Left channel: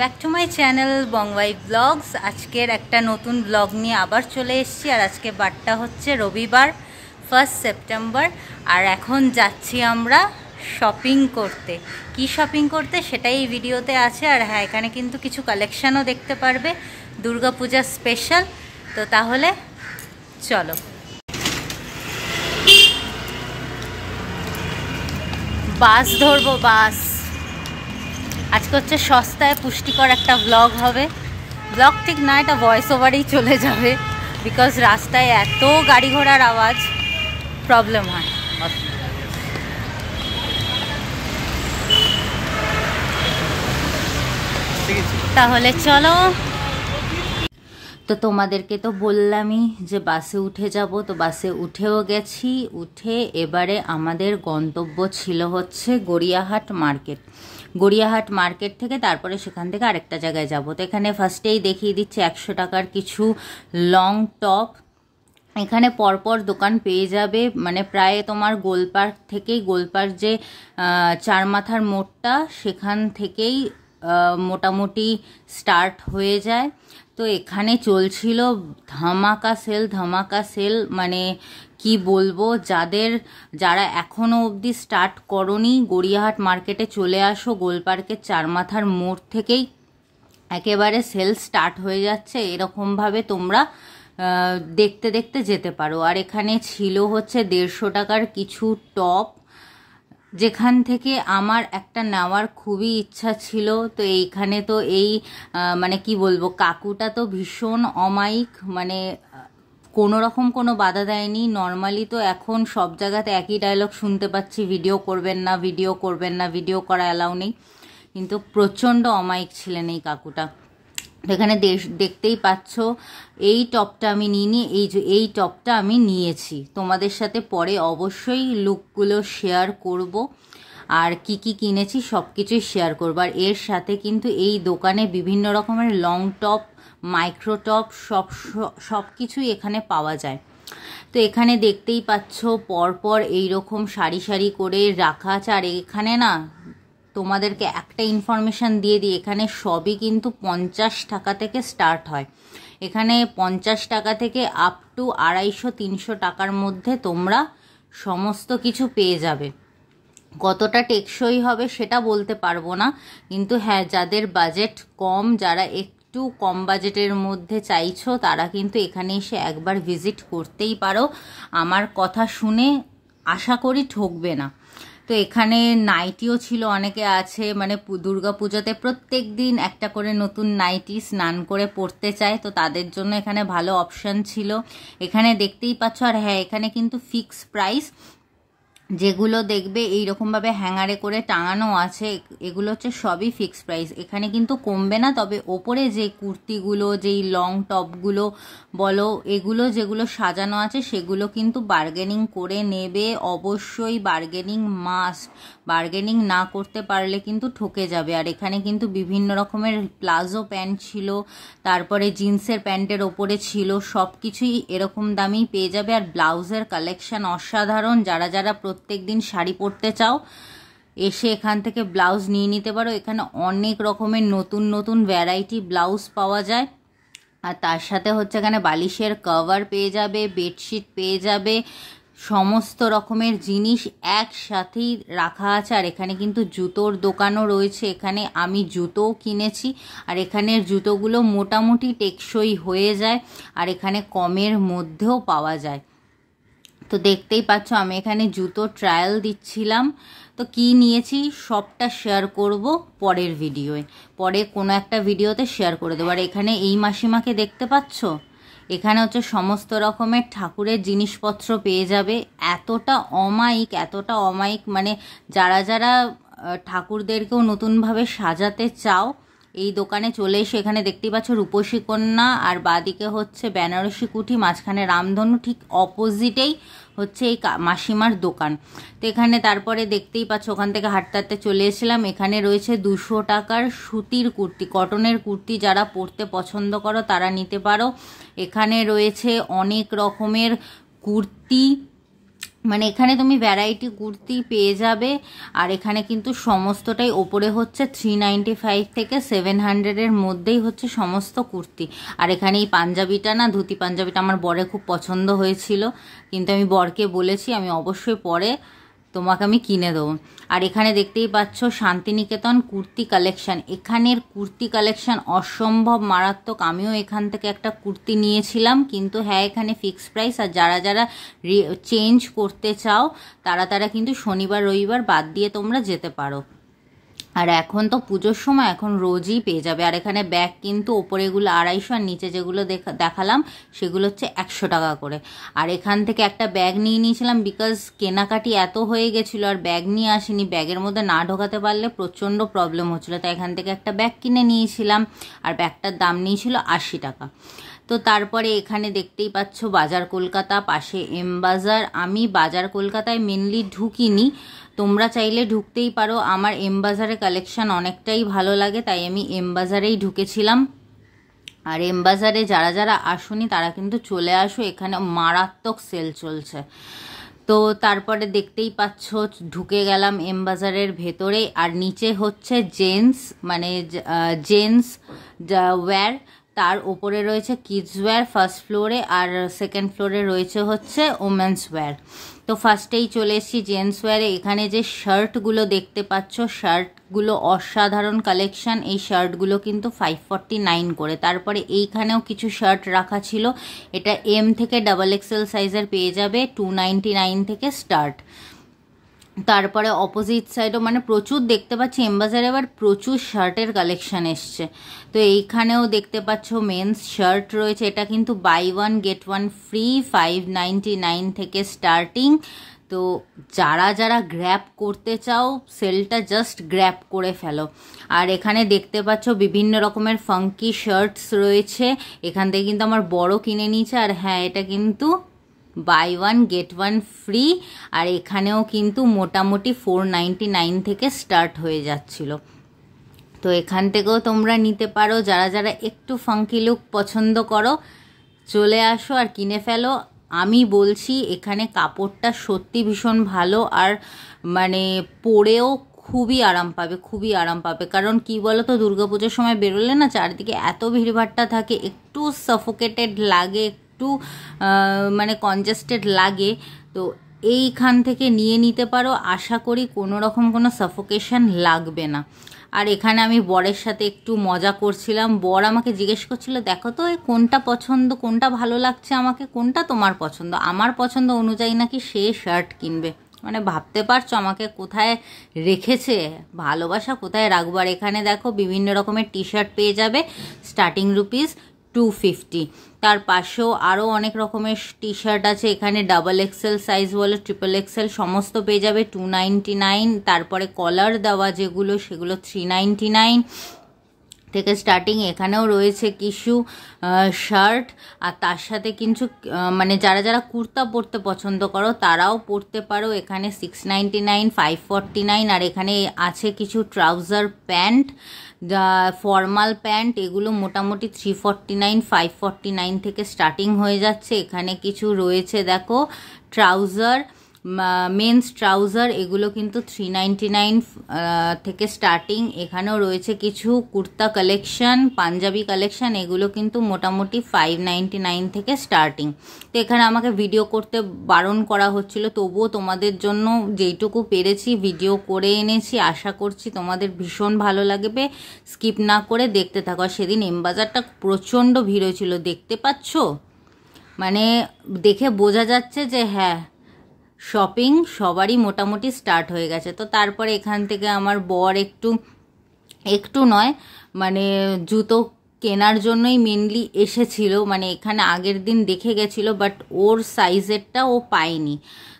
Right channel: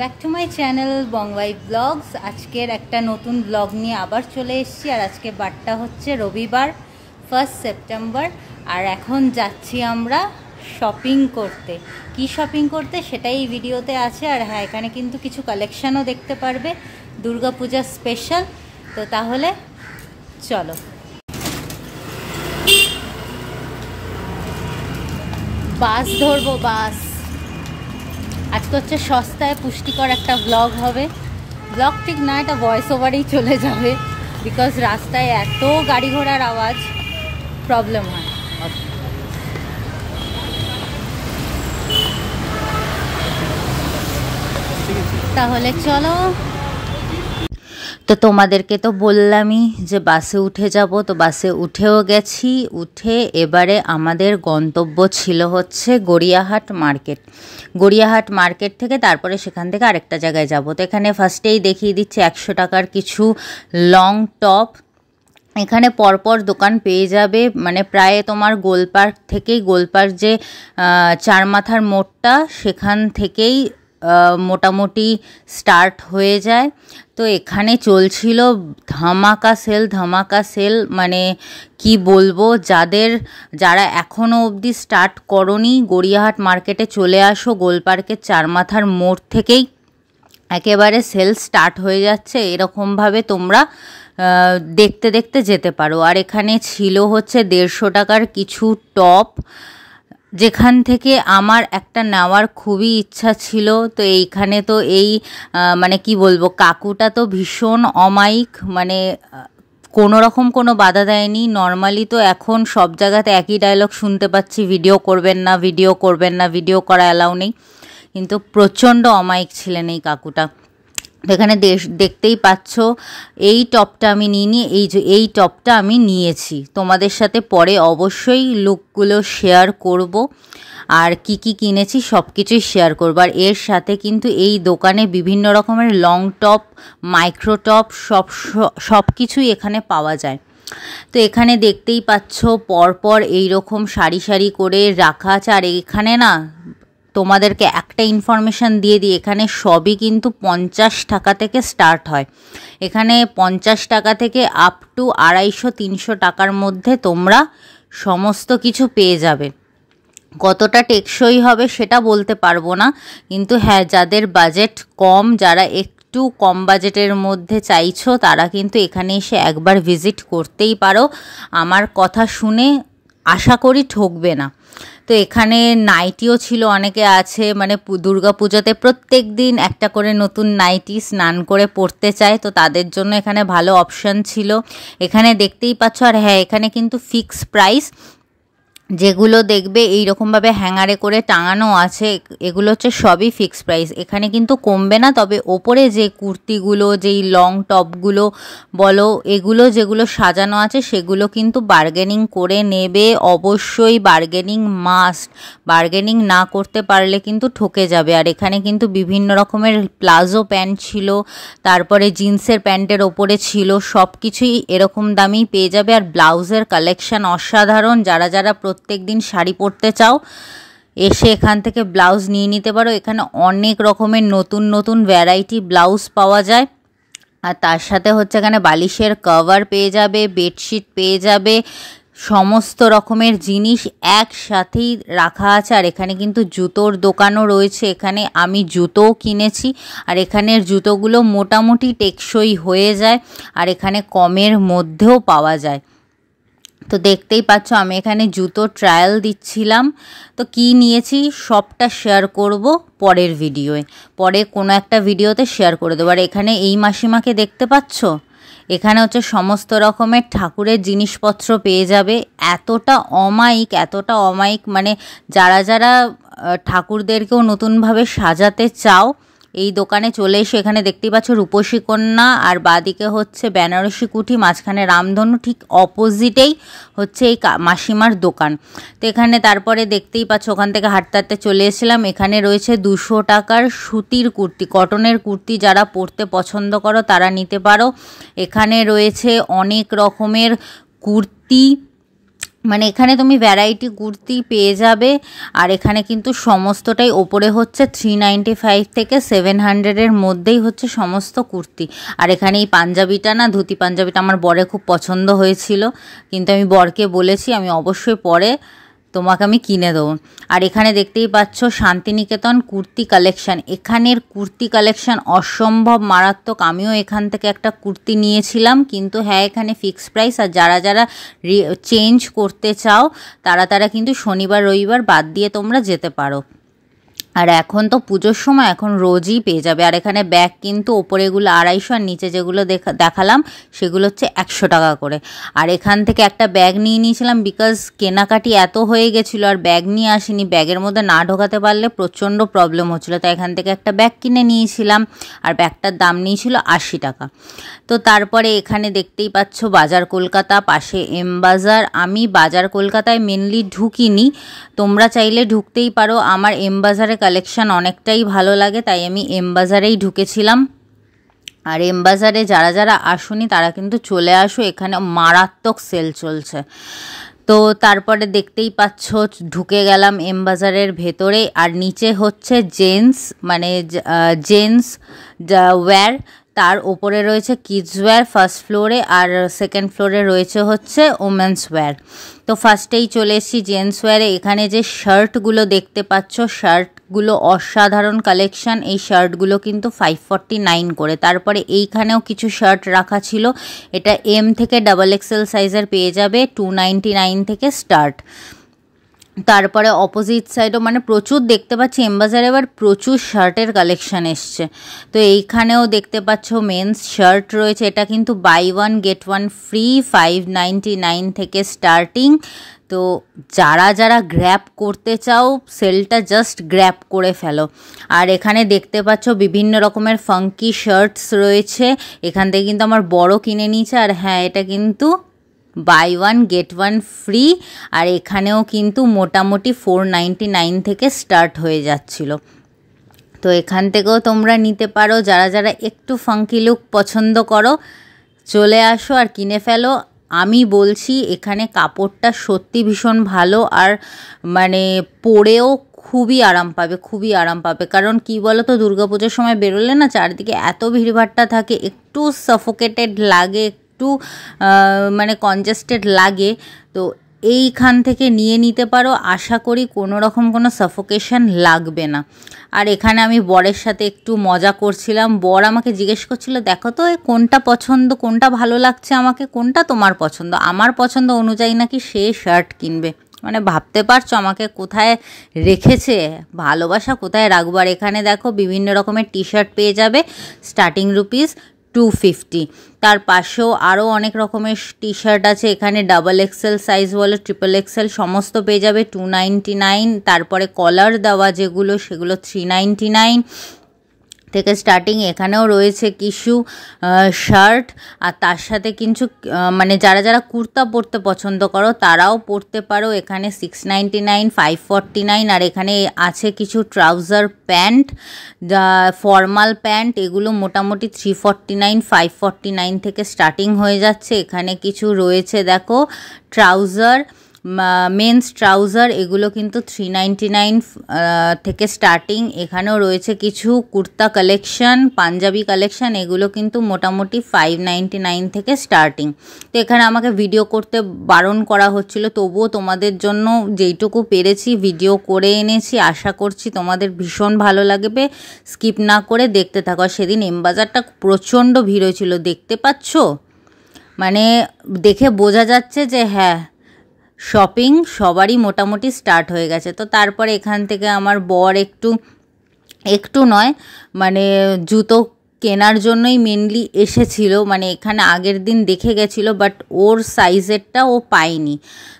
Back to my channel বংওয়াই blogs. আজকের একটা নতুন ব্লগ নিয়ে আবার চলে এসেছি। আর আজকে বারটা হচ্ছে রবিবার 1 সেপ্টেম্বর। আর এখন যাচ্ছি আমরা শপিং করতে। কি শপিং করতে সেটাই এই ভিডিওতে আছে। আর হ্যাঁ, এখানে কিন্তু কিছু কালেকশানও দেখতে পারবে দুর্গাপূজার স্পেশাল। তো তাহলে চলো, বাস ধরবো। বাস আজকে হচ্ছে সস্তায় পুষ্টিকর একটা ব্লগ হবে। ব্লগ ঠিক না, এটা ভয়েস ওভারেই চলে যাবে, বিকজ রাস্তায় এত গাড়ি ঘোড়ার আওয়াজ, প্রবলেম হয়। তাহলে চলো। তো তোমাদেরকে তো বললামই যে বাসে উঠে যাব, তো বাসে উঠেও গেছি। উঠে এবারে আমাদের গন্তব্য ছিল হচ্ছে গড়িয়াহাট মার্কেট। গড়িয়াহাট মার্কেট থেকে তারপরে সেখান থেকে আরেকটা জায়গায় যাব। তো এখানে ফার্স্টেই দেখিয়ে দিচ্ছি 100 টাকার কিছু লং টপ। এখানে পরপর দোকান পেয়ে যাবে, মানে প্রায় তোমার গোলপার্ক থেকেই, গোলপার্ক যে চারমাথার মোড়টা সেখান থেকেই মোটামুটি স্টার্ট হয়ে যায়। তো এখানে চলছিল ধামাকা সেল, মানে কি বলবো, যারা এখনও অবধি স্টার্ট করনি গড়িয়াহাট মার্কেটে চলে আসো। গোলপার্কের চারমাথার মোড় থেকেই একেবারে সেল স্টার্ট হয়ে যাচ্ছে। এরকমভাবে তোমরা দেখতে দেখতে যেতে পারো। আর এখানে ছিল হচ্ছে 150 টাকার কিছু টপ, যেখান থেকে আমার একটা নেওয়ার খুবই ইচ্ছা ছিল। তো এইখানে তো মানে কি বলবো, কাকুটা তো ভীষণ অমায়িক, মানে কোনো রকম কোনো বাধা দেয়নি। নর্মালি তো এখন সব জায়গাতে একই ডায়লগ শুনতে পাচ্ছি, ভিডিও করবেন না, ভিডিও করবেন না, ভিডিও করা অ্যালাউ নেই, কিন্তু প্রচণ্ড অমায়িক ছিলেন এই কাকুটা। এখানে দেখতেই পাচ্ছ এই টপটা আমি নিইনি, এই টপটা আমি নিয়েছি। তোমাদের সাথে পরে অবশ্যই লুকগুলো শেয়ার করব, আর কি কি কিনেছি সব কিছুই শেয়ার করব। আর এর সাথে কিন্তু এই দোকানে বিভিন্ন রকমের লং টপ, মাইক্রো টপ, সব কিছুই এখানে পাওয়া যায়। তো এখানে দেখতেই পাচ্ছ পরপর এইরকম সারি সারি করে রাখা আছে। আর এখানে না, তোমাদেরকে একটা ইনফরমেশান দিয়ে দিই, এখানে সবই কিন্তু 50 টাকা থেকে স্টার্ট হয়। এখানে 50 টাকা থেকে আপ টু 250-300 টাকার মধ্যে তোমরা সমস্ত কিছু পেয়ে যাবে। কতটা টেকসই হবে সেটা বলতে পারবো না, কিন্তু হ্যাঁ, যাদের বাজেট কম, যারা একটু কম বাজেটের মধ্যে চাইছো, তারা কিন্তু এখানে এসে একবার ভিজিট করতেই পারো। আমার কথা শুনে আশা করি ঠকবে না। তো এখানে নাইটিও ছিল, অনেকে আছে মানে দুর্গাপূজাতে প্রত্যেক দিন একটা করে নতুন নাইটি স্নান করে পরতে চায়, তো তাদের জন্য এখানে ভালো অপশান ছিল। এখানে দেখতেই পাচ্ছ। আর হ্যাঁ, এখানে কিন্তু ফিক্স প্রাইস, যেগুলো দেখবে এইরকমভাবে হ্যাঙ্গারে করে টাঙানো আছে, এগুলো হচ্ছে সবই ফিক্স প্রাইস। এখানে কিন্তু কমবে না। তবে ওপরে যে কুর্তিগুলো, যেই লং টপগুলো বলো, এগুলো যেগুলো সাজানো আছে সেগুলো কিন্তু বার্গেনিং করে নেবে। অবশ্যই বার্গেনিং মাস্ট, বার্গেনিং না করতে পারলে কিন্তু ঠকে যাবে। আর এখানে কিন্তু বিভিন্ন রকমের প্লাজো প্যান্ট ছিল, তারপরে জিন্সের প্যান্টের ওপরে ছিল, সব কিছুই এরকম দামেই পেয়ে যাবে। আর ব্লাউজের কালেকশান অসাধারণ। যারা প্রত্যেক দিন শাড়ি পরতে চাও, এসে এখান থেকে ব্লাউজ নিয়ে নিতে পারো। এখানে অনেক রকমের নতুন নতুন ভ্যারাইটি ব্লাউজ পাওয়া যায়। আর তার সাথে হচ্ছে এখানে বালিশের কভার পেয়ে যাবে, বেডশিট পেয়ে যাবে, সমস্ত রকমের জিনিস একসাথেই রাখা আছে। আর এখানে কিন্তু জুতোর দোকানও রয়েছে। এখানে আমি জুতোও কিনেছি। আর এখানের জুতোগুলো মোটামুটি টেকসই হয়ে যায়, আর এখানে কমের মধ্যেও পাওয়া যায়। তো দেখতেই পাচ্ছ আমি এখানে জুতো ট্রায়াল দিচ্ছিলাম। তো কি নিয়েছি সবটা শেয়ার করব পরের ভিডিওয়ে, পরে কোনো একটা ভিডিওতে শেয়ার করে দেবো। আর এখানে এই মাসিমাকে দেখতে পাচ্ছ, এখানে হচ্ছে সমস্ত রকমের ঠাকুরের জিনিসপত্র পেয়ে যাবে। এতটা অমায়িক, মানে যারা ঠাকুরদেরকেও নতুনভাবে সাজাতে চাও, এই দোকানে চলে এসে। এখানে দেখতেই পাচ্ছ রূপসী কন্যা, আর বাদিকে হচ্ছে বেনারসি কুঠি, মাঝখানে রামধনু, ঠিক অপোজিটেই হচ্ছে এই মাসিমার দোকান। তো এখানে তারপরে দেখতেই পাচ্ছ ওখান থেকে হাঁটতে হাঁটতে চলে এসেছিলাম। এখানে রয়েছে 200 টাকার সুতির কুর্তি, কটনের কুর্তি, যারা পরতে পছন্দ করো তারা নিতে পারো। এখানে রয়েছে অনেক রকমের কুর্তি, মানে এখানে তুমি ভ্যারাইটি কুর্তি পেয়ে যাবে। আর এখানে কিন্তু সমস্তটাই ওপরে হচ্ছে 395 থেকে 700-এর মধ্যেই হচ্ছে সমস্ত কুর্তি। আর এখানে এই পাঞ্জাবিটা না, ধুতি পাঞ্জাবিটা আমার বরের খুব পছন্দ হয়েছিল, কিন্তু আমি বরকে বলেছি আমি অবশ্যই পরে তোমাকে আমি কিনে দেবো। আর এখানে দেখতেই পাচ্ছ শান্তিনিকেতন কুর্তি কালেকশান। এখানের কুর্তি কালেকশান অসম্ভব মারাত্মক। আমিও এখান থেকে একটা কুর্তি নিয়েছিলাম, কিন্তু হ্যাঁ এখানে ফিক্সড প্রাইস। আর যারা যারা চেঞ্জ করতে চাও তারা কিন্তু শনিবার রবিবার বাদ দিয়ে তোমরা যেতে পারো। আর এখন তো পুজোর সময়, এখন রোজই পেয়ে যাবে। আর এখানে ব্যাগ কিন্তু ওপরে এগুলো 250 আর নিচে যেগুলো দেখালাম সেগুলো হচ্ছে 100 টাকা করে। আর এখান থেকে একটা ব্যাগ নিয়ে নিয়েছিলাম, বিকজ কেনাকাটি এত হয়ে গেছিলো আর ব্যাগ নিয়ে আসিনি, ব্যাগের মধ্যে না ঢোকাতে পারলে প্রচণ্ড প্রবলেম হচ্ছিলো, তাই এখান থেকে একটা ব্যাগ কিনে নিয়েছিলাম। আর ব্যাগটার দাম নিয়েছিল 80 টাকা। তো তারপরে এখানে দেখতেই পাচ্ছ বাজার কলকাতা, পাশে এম বাজার। আমি বাজার কলকাতায় মেনলি ঢুকিনি, তোমরা চাইলে ঢুকতেই পারো। আমার এম বাজারে কালেকশান অনেকটাই ভালো লাগে, তাই আমি এম বাজারেই ঢুকেছিলাম। আর এম বাজারে যারা যারা আসোনি তারা কিন্তু চলে আসো, এখানে মারাত্মক সেল চলছে। তো তারপরে দেখতেই পাচ্ছ ঢুকে গেলাম এম বাজারের ভেতরে। আর নিচে হচ্ছে জেন্টস, মানে জেন্টস ওয়্যার, তার ওপরে রয়েছে কিডস ওয়্যার ফার্স্ট ফ্লোরে, আর সেকেন্ড ফ্লোরে রয়েছে হচ্ছে ওমেন্স ওয়্যার। তো ফার্স্টেই চলে এসেছি জেন্টস ওয়্যারে। এখানে যে শার্টগুলো দেখতে পাচ্ছ, শার্টগুলো অসাধারণ কালেকশান। এই শার্টগুলো কিন্তু 549 করে। তারপরে এইখানেও কিছু শার্ট রাখা ছিল, এটা এম থেকে XXL সাইজের পেয়ে যাবে, 299 থেকে স্টার্ট। তারপরে অপোজিট সাইডও মানে প্রচুর দেখতে পাচ্ছি এম বাজারে এবার প্রচুর শার্টের কালেকশান এসছে। তো এইখানেও দেখতে পাচ্ছ মেন্স শার্ট রয়েছে, এটা কিন্তু বাই 1 গেট 1 ফ্রি, 599 থেকে স্টার্টিং। তো যারা যারা গ্র্যাব করতে চাও সেলটা জাস্ট গ্র্যাব করে ফেলো। আর এখানে দেখতে পাচ্ছ বিভিন্ন রকমের ফাঙ্কি শার্টস রয়েছে, এখান থেকে কিন্তু আমার বড় কিনে নিয়েছে। আর হ্যাঁ এটা কিন্তু বাই 1 গেট 1 ফ্রি। আর এখানেও কিন্তু মোটামুটি 499 থেকে স্টার্ট হয়ে যাচ্ছিল। তো এখান থেকেও তোমরা নিতে পারো, যারা যারা একটু ফাঙ্কি লুক পছন্দ করো চলে আসো আর কিনে ফেলো। আমি বলছি এখানে কাপড়টা সত্যি ভীষণ ভালো, আর মানে পরেও খুবই আরাম পাবে, খুবই আরাম পাবে। কারণ কি বলো তো, দুর্গাপুজোর সময় বেরোলে না চারদিকে এত ভিড়ভাট্টা থাকে, একটু সাফোকেটেড লাগে, একটু মানে কনজেস্টেড লাগে। তো এইখান থেকে নিয়ে নিতে পারো, আশা করি কোনো রকম কোনো সাফোকেশন লাগবে না। আর এখানে আমি বরের সাথে একটু মজা করছিলাম, বর আমাকে জিজ্ঞেস করছিল দেখো তো কোনটা পছন্দ, কোনটা ভালো লাগছে আমাকে, কোনটা তোমার পছন্দ। আমার পছন্দ অনুযায়ী নাকি সে শার্ট কিনবে, মানে ভাবতে পারছো আমাকে কোথায় রেখেছে, ভালোবাসা কোথায় রাখবো। আর এখানে দেখো বিভিন্ন রকমের টি শার্ট পেয়ে যাবে, স্টার্টিং রুপিস 250। তার পাশেও আরও অনেক রকমের টি শার্ট আছে, এখানে XXL সাইজ বলো XXL সমস্ত পেয়ে যাবে 299। তারপরে কলার দেওয়া যেগুলো সেগুলো 399 থেকে স্টার্টিং। এখানেও রয়েছে কিছু শার্ট, আর তার সাথে কিছু মানে যারা যারা কুর্তা পরতে পছন্দ করো তারাও পরতে পারো। এখানে 699, 549। আর এখানে আছে কিছু ট্রাউজার প্যান্ট, ফর্মাল প্যান্ট, এগুলো মোটামুটি 349, 549 থেকে স্টার্টিং হয়ে যাচ্ছে। এখানে কিছু রয়েছে দেখো ট্রাউজার, মেন্স ট্রাউজার, এগুলো কিন্তু 399 থেকে স্টার্টিং। এখানেও রয়েছে কিছু কুর্তা কালেকশন, পাঞ্জাবি কালেকশন, এগুলো কিন্তু মোটামুটি 599 থেকে স্টার্টিং। তো এখানে আমাকে ভিডিও করতে বারণ করা হচ্ছিল, তবুও তোমাদের জন্য যেইটুকু পেরেছি ভিডিও করে এনেছি। আশা করছি তোমাদের ভীষণ ভালো লাগবে, স্কিপ না করে দেখতে থাকো। সেদিন এম বাজারটা প্রচণ্ড ভিড় হয়েছিল, দেখতে পাচ্ছ, মানে দেখে বোঝা যাচ্ছে যে হ্যাঁ শপিং সবারই মোটামুটি স্টার্ট হয়ে গেছে। তো তারপরে এখান থেকে আমার বর একটু নয় মানে জুতো কেনার জন্যই মেনলি এসেছিল, মানে এখানে আগের দিন দেখে গেছিলো, বাট ওর সাইজেরটা ও পায়নি,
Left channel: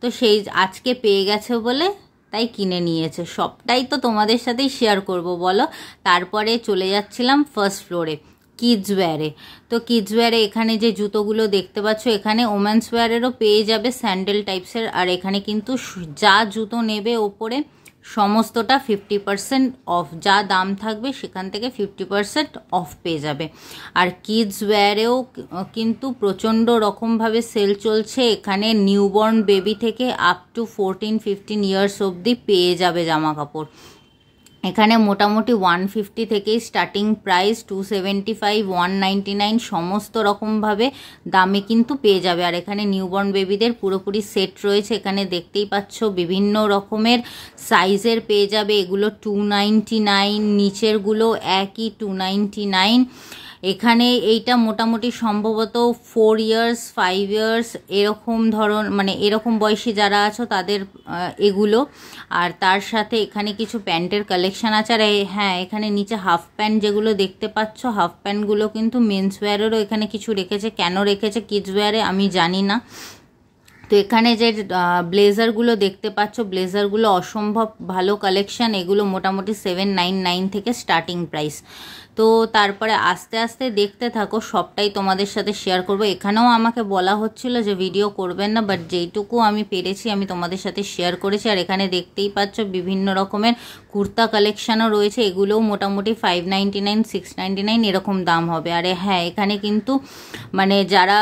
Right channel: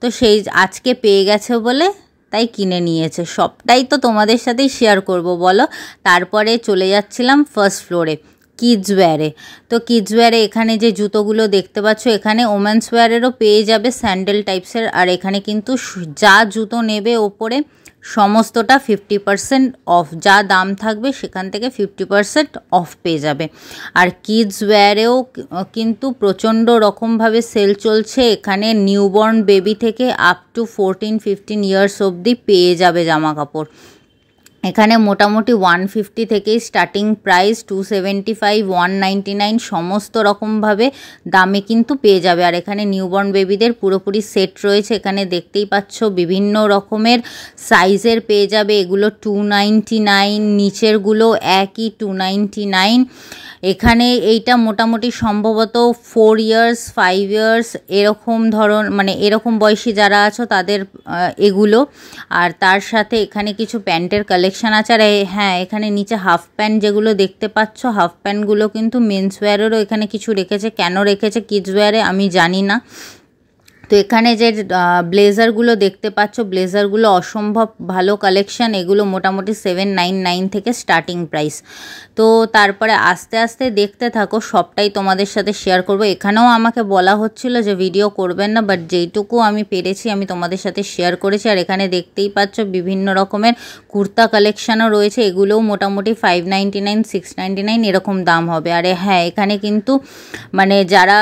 তো সেই আজকে পেয়ে গেছে বলে তাই কিনে নিয়েছে। সবটাই তো তোমাদের সাথেই শেয়ার করব বলো। তারপরে চলে যাচ্ছিলাম ফার্স্ট ফ্লোরে। কিডস ওয়্যারে। তো কিডস ওয়্যারে এখানে যে জুতোগুলো দেখতে পাচ্ছ, এখানে ওমেন্স ওয়্যারেরও পেয়ে যাবে স্যান্ডেল টাইপসের। আর এখানে কিন্তু যা জুতো নেবে ওপরে সমস্তটা 50% অফ, যা দাম থাকবে সেখান থেকে 50% অফ পেয়ে যাবে। আর কিডস ওয়্যারেও কিন্তু প্রচণ্ড রকমভাবে সেল চলছে। এখানে নিউবর্ন বেবি থেকে আপ টু 14-15 ইয়ার্স অবধি পেয়ে যাবে জামা কাপড়। এখানে মোটামুটি 150 থেকেই স্টার্টিং প্রাইস, 275, 199 সমস্ত রকমভাবে দামে কিন্তু পেয়ে যাবে। আর এখানে নিউবর্ন বেবিদের পুরোপুরি সেট রয়েছে, এখানে দেখতেই পাচ্ছ বিভিন্ন রকমের সাইজের পেয়ে যাবে। এগুলো 299, নিচেরগুলো একই 299। এখানে এইটা মোটামুটি সম্ভবত 4 ইয়ার্স 5 ইয়ার্স এরকম মানে এরকম বয়সী যারা আছো তাদের এগুলো। আর তার সাথে এখানে কিছু প্যান্টের কালেকশান আছে। আর হ্যাঁ, এখানে নিচে হাফ প্যান্ট যেগুলো দেখতে পাচ্ছ, হাফ প্যান্টগুলো কিন্তু মেন্স ওয়্যারেরও এখানে কিছু রেখেছে। কেন রেখেছে কিডস ওয়্যারে আমি জানি না। তো এখানে যে ব্লেজারগুলো দেখতে পাচ্ছ, ব্লেজারগুলো অসম্ভব ভালো কালেকশান। এগুলো মোটামুটি 799 থেকে স্টার্টিং প্রাইস। তো তারপরে আস্তে আস্তে দেখতে থাকো, সবটাই তোমাদের সাথে শেয়ার করব। এখানেও আমাকে বলা হচ্ছিল যে ভিডিও করবেন না, বাট যেইটুকু আমি পেরেছি আমি তোমাদের সাথে শেয়ার করেছি। আর এখানে দেখতেই পাচ্ছ বিভিন্ন রকমের কুর্তা কালেকশানও রয়েছে। এগুলোও মোটামুটি 599, 699 এরকম দাম হবে। আরে হ্যাঁ, এখানে কিন্তু মানে যারা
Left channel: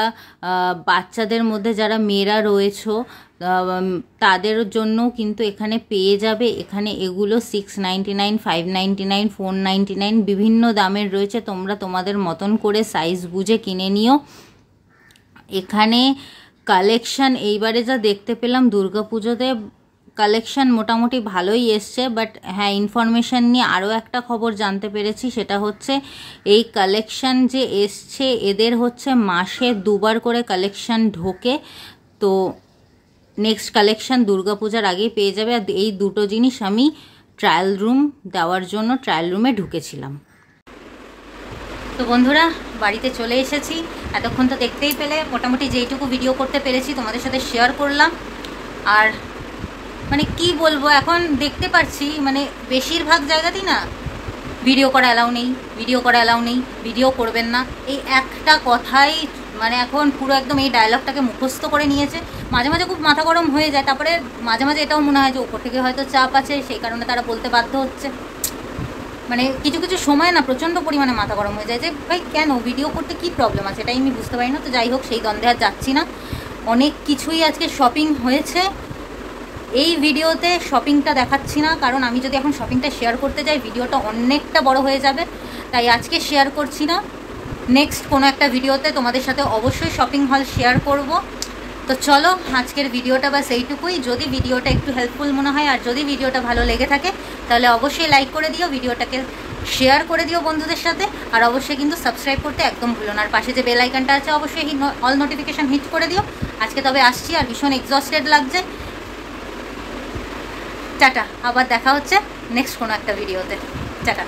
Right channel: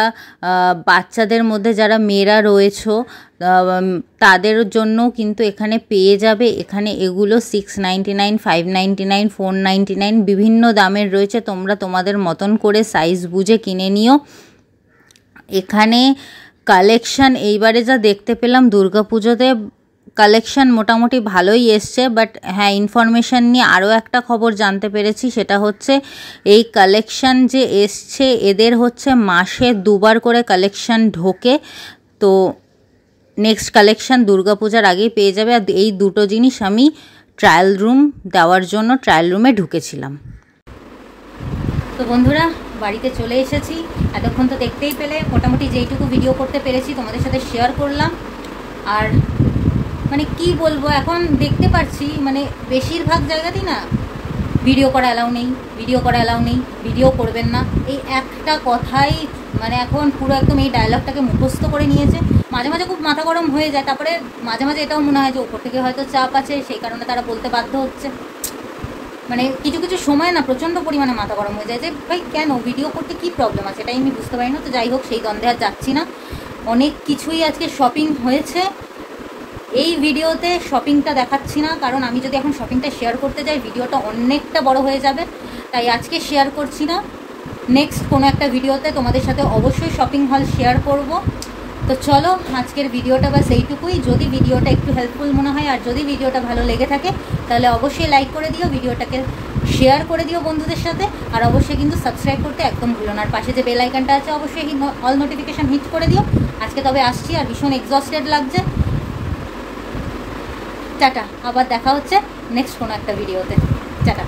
বাচ্চাদের মধ্যে যারা মেয়েরা রয়েছো তাদের জন্য কিন্তু এখানে পেয়ে যাবে। এখানে এগুলো 699, 599, 499 বিভিন্ন দামের রয়েছে। তোমরা তোমাদের মতন করে সাইজ বুঝে কিনে নিও। এখানে কালেকশান এইবারে যা দেখতে পেলাম, দুর্গাপুজোতে কালেকশান মোটামুটি ভালোই এসছে। বাট হ্যাঁ, ইনফরমেশান নিয়ে আরও একটা খবর জানতে পেরেছি, সেটা হচ্ছে এই কালেকশান যে এসছে এদের হচ্ছে মাসে 2 বার করে কালেকশান ঢোকে। তো নেক্সট কালেকশান দুর্গাপূজার আগেই পেয়ে যাবে। আর এই দুটো জিনিস আমি ট্রায়াল রুম দেওয়ার জন্য ট্রায়াল রুমে ঢুকেছিলাম। তো বন্ধুরা, বাড়িতে চলে এসেছি। এতক্ষণ তো দেখতেই পেলে, মোটামুটি যেইটুকু ভিডিও করতে পেরেছি তোমাদের সাথে শেয়ার করলাম। আর মানে কি বলবো, এখন দেখতে পাচ্ছি মানে বেশিরভাগ জায়গাতেই না ভিডিও করা অ্যালাউ নেই, ভিডিও করা অ্যালাউ নেই, ভিডিও করবেন না, এই একটা কথাই মানে এখন পুরো একদম এই ডায়লগটাকে মুখস্থ করে নিয়েছে। মাঝে মাঝে খুব মাথা গরম হয়ে যায়। তারপরে মাঝে মাঝে এটাও মনে হয় যে ওপর থেকে হয়তো চাপ আছে, সেই কারণে তারা বলতে বাধ্য হচ্ছে। মানে কিছু কিছু সময় না প্রচণ্ড পরিমাণে মাথা গরম হয়ে যায় যে ভাই কেন ভিডিও করতে কি প্রবলেম আছে, এটাই আমি বুঝতে পারি না। তো যাই হোক, সেই দ্বন্দ্বে আর যাচ্ছি না। অনেক কিছুই আজকে শপিং হয়েছে। এই ভিডিওতে শপিংটা দেখাচ্ছি না, কারণ আমি যদি এখন শপিংটা শেয়ার করতে যাই ভিডিওটা অনেকটা বড় হয়ে যাবে, তাই আজকে শেয়ার করছি না। নেক্সট কোনো একটা ভিডিওতে তোমাদের সাথে অবশ্যই শপিং হল শেয়ার করব। তো চলো, আজকের ভিডিওটা বাস এইটুকুই। যদি ভিডিওটা একটু হেল্পফুল মনে হয় আর যদি ভিডিওটা ভালো লেগে থাকে তাহলে অবশ্যই লাইক করে দিও, ভিডিওটাকে শেয়ার করে দিও বন্ধুদের সাথে। আর অবশ্যই কিন্তু সাবস্ক্রাইব করতে একদম ভুলো না। আর পাশে যে বেল আইকনটা আছে অবশ্যই অল নোটিফিকেশান হিট করে দিও। আজকে তবে আসছি, আর ভীষণ এক্সস্টেড লাগছে। টাটা, আবার দেখা হচ্ছে নেক্সট কোনো একটা ভিডিওতে। টাটা।